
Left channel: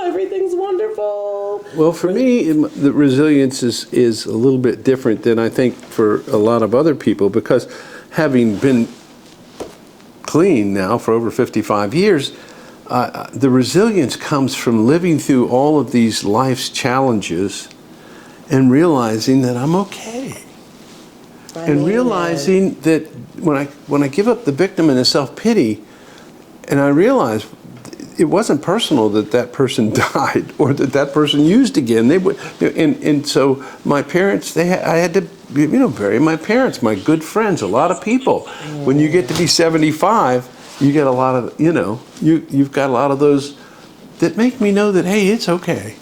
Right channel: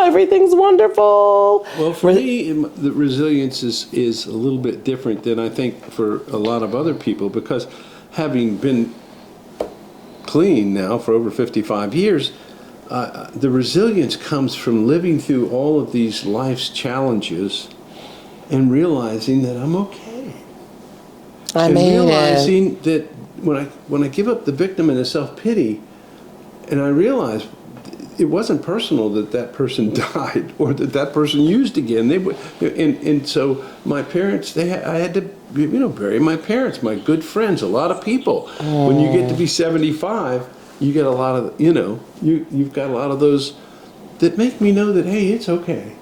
everything's wonderful. Well, for me, the resilience is a little bit different than I think for a lot of other people, because having been clean now for over 55 years, the resilience comes from living through all of these life's challenges and realizing that I'm okay. And realizing that when I give up the victim and the self-pity, and I realize it wasn't personal that person died or that person used again. They would, and so my parents, I had to, you know, bury my parents, my good friends, a lot of people. When you get to be 75, you get a lot of, you know, you've got a lot of those that make me know that, hey, it's okay.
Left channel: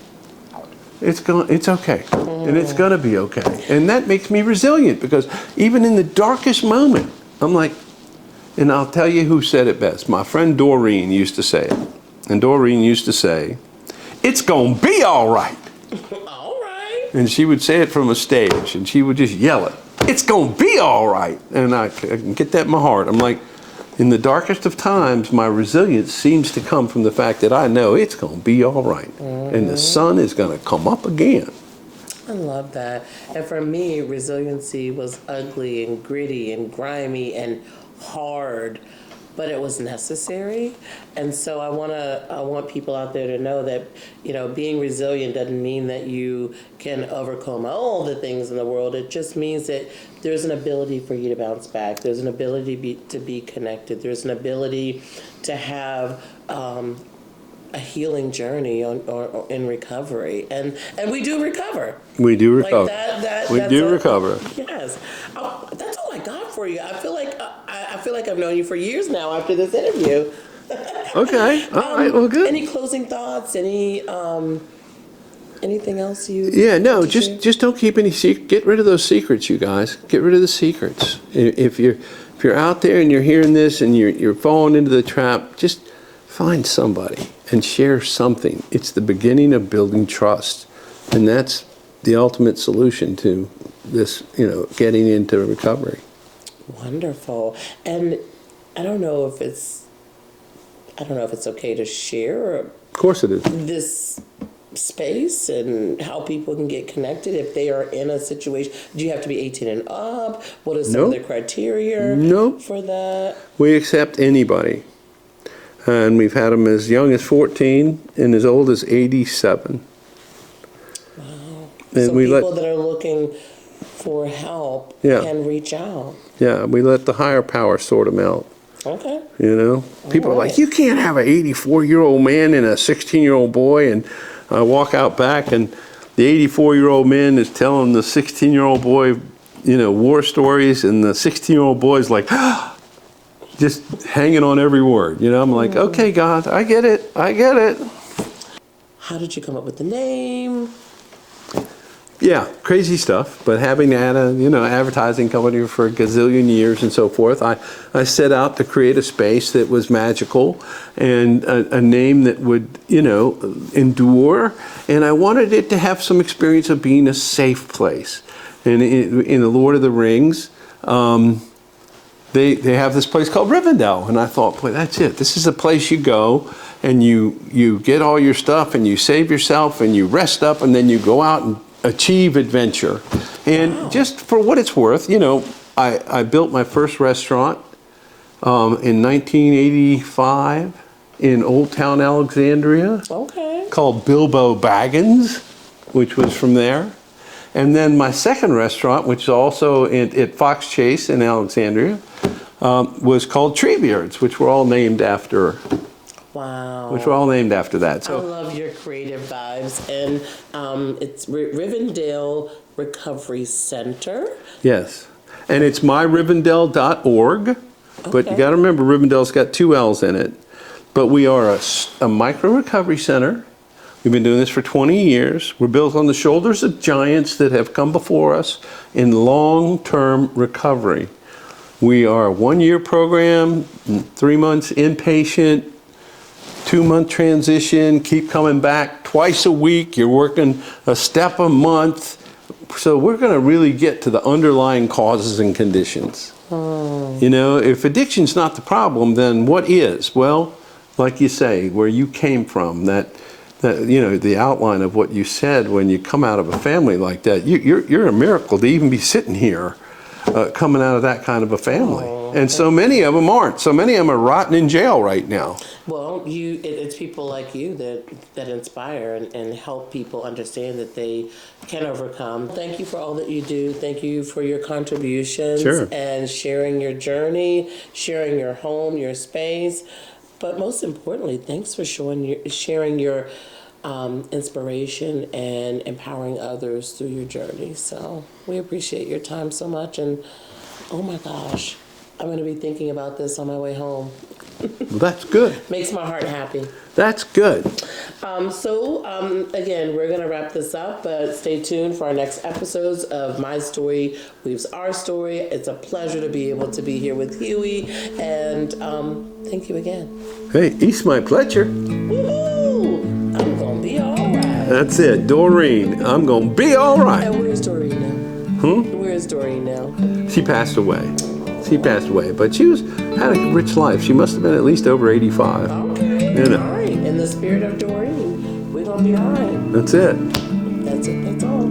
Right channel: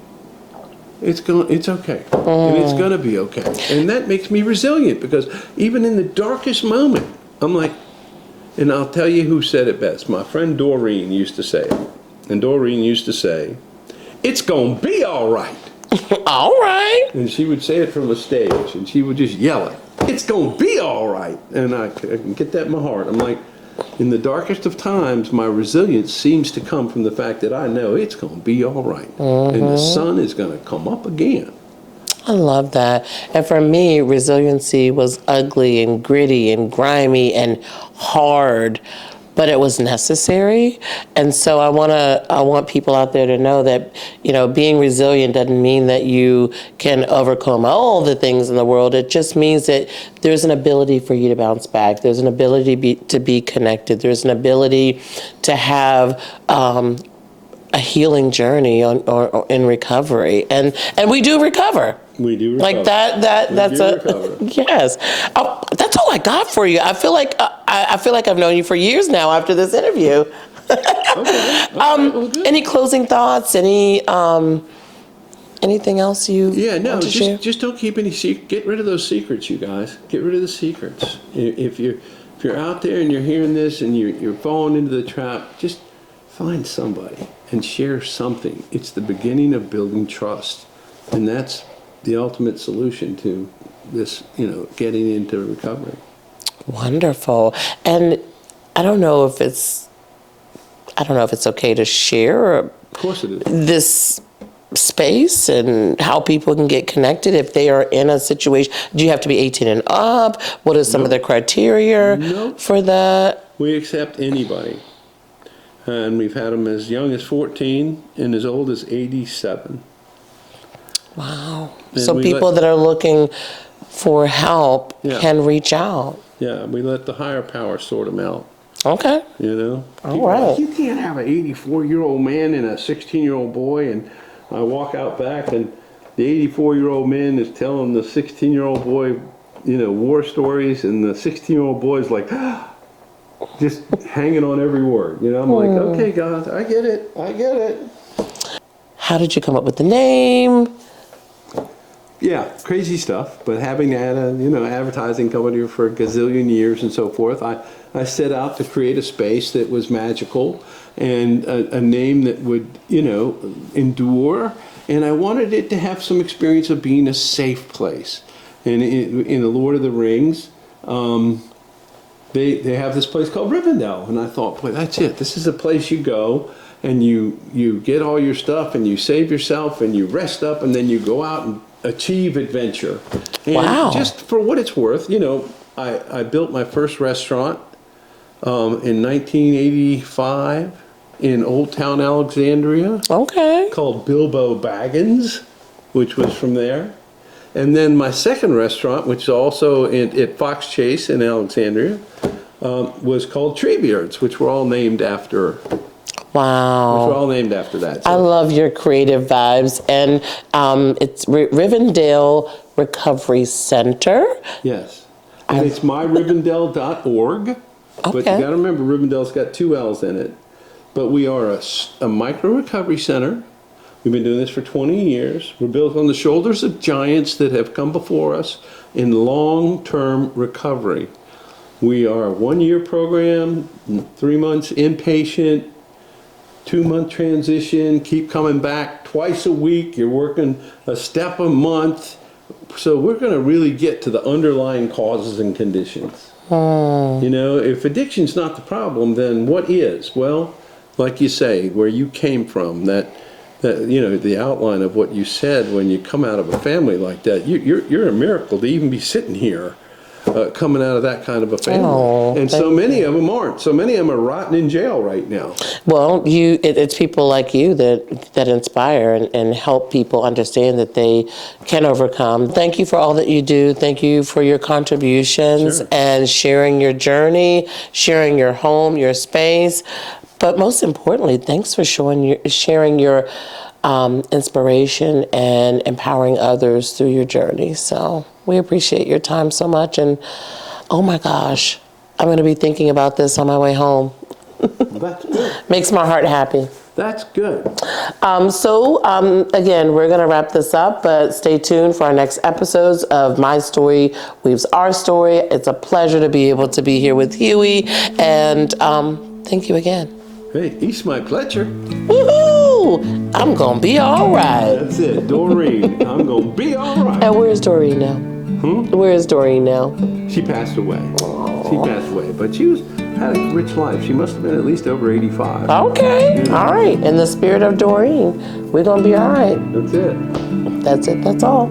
It's okay, and it's gonna be okay, and that makes me resilient, because even in the darkest moment, I'm like, and I'll tell you who said it best. My friend Doreen used to say it. And Doreen used to say, it's gonna be all right. All right. And she would say it from a stage, and she would just yell it, it's gonna be all right. And I can get that in my heart. I'm like, in the darkest of times, my resilience seems to come from the fact that I know it's gonna be all right. And the sun is gonna come up again. I love that. And for me, resiliency was ugly and gritty and grimy and hard. but it was necessary. And so I want people out there to know that, being resilient doesn't mean that you can overcome all the things in the world. It just means that there's an ability for you to bounce back. There's an ability to be connected. There's an ability to have a healing journey or in recovery, and we do recover. We do recover. Like that's recover. Yes. That's all I got for you. I feel like I've known you for years now after this interview. Okay. All right. Well, good. Any closing thoughts? Anything else you? Yeah. No. Want to share? Just don't keep any secrets. Get rid of those secrets, you guys. Get rid of the secrets. If you're out there and you're hearing this and you're falling into the trap, just find somebody and share something. It's the beginning of building trust, and that's the ultimate solution to this, getting into recovery. Wonderful. And I don't know if it's okay to share. Of course it is. This space and how people can get connected if they are in a situation. Do you have to be 18 and up? What is some of the criteria for that? We accept anybody. And we've had them as young as 14 and as old as 87. Wow. So people that are looking for help can reach out. Yeah, we let the higher power sort them out. Okay. People are like, you can't have an 84-year-old man and a 16-year-old boy. And I walk out back and the 84-year-old man is telling the 16-year-old boy, war stories. And the 16-year-old boy is like, just hanging on every word. I'm like, okay, God, I get it. How did you come up with the name? Yeah, crazy stuff. But having had a advertising company for a gazillion years and so forth, I set out to create a space that was magical and a name that would endure. And I wanted it to have some experience of being a safe place. And in the Lord of the Rings, they have this place called Rivendell, and I thought, boy, that's it. This is a place you go and you get all your stuff and you save yourself and you rest up and then you go out and achieve adventure. And just for what it's worth, I built my first restaurant in 1985 in Old Town Alexandria. Okay. Called Bilbo Baggins, which was from there. And then my second restaurant, which is also at Fox Chase in Alexandria, was called Treebeards, which were all named after. Wow. Which were all named after that. So. I love your creative vibes. And it's Rivendell Recovery Center. Yes. And it's myrivendell.org. Okay. But you got to remember, Rivendell's got 2 L's in it. But we are a micro recovery center. We've been doing this for 20 years. We're built on the shoulders of giants that have come before us in long-term recovery. We are a 1-year program, 3 months inpatient, 2-month transition, keep coming back twice a week. You're working a step a month. So we're going to really get to the underlying causes and conditions. If addiction's not the problem, then what is? Well, like you say, where you came from, that the outline of what you said, when you come out of a family like that, you're a miracle to even be sitting here coming out of that kind of a family. And so many of them aren't. So many of them are rotting in jail right now. Well, it's people like you that inspire and help people understand that they can overcome. Thank you for all that you do. Thank you for your contributions and sharing your journey, sharing your home, your space. But most importantly, thanks for sharing your inspiration and empowering others through your journey. So we appreciate your time so much. And oh my gosh, I'm going to be thinking about this on my way home. Well, that's good. Makes my heart happy. That's good. Again, we're going to wrap this up, but stay tuned for our next episodes of My Story Weaves Our Story. It's a pleasure to be able to be here with Hughie, and thank you again. Hey, it's my pleasure. Woohoo! I'm going to be all right. That's it, Doreen. I'm going to be all right. And where's Doreen now? Where is Doreen now? She passed away. But she had a rich life. She must have been at least over 85. Okay. All right. In the spirit of Doreen, we're going to be all right. That's it. That's it. That's all.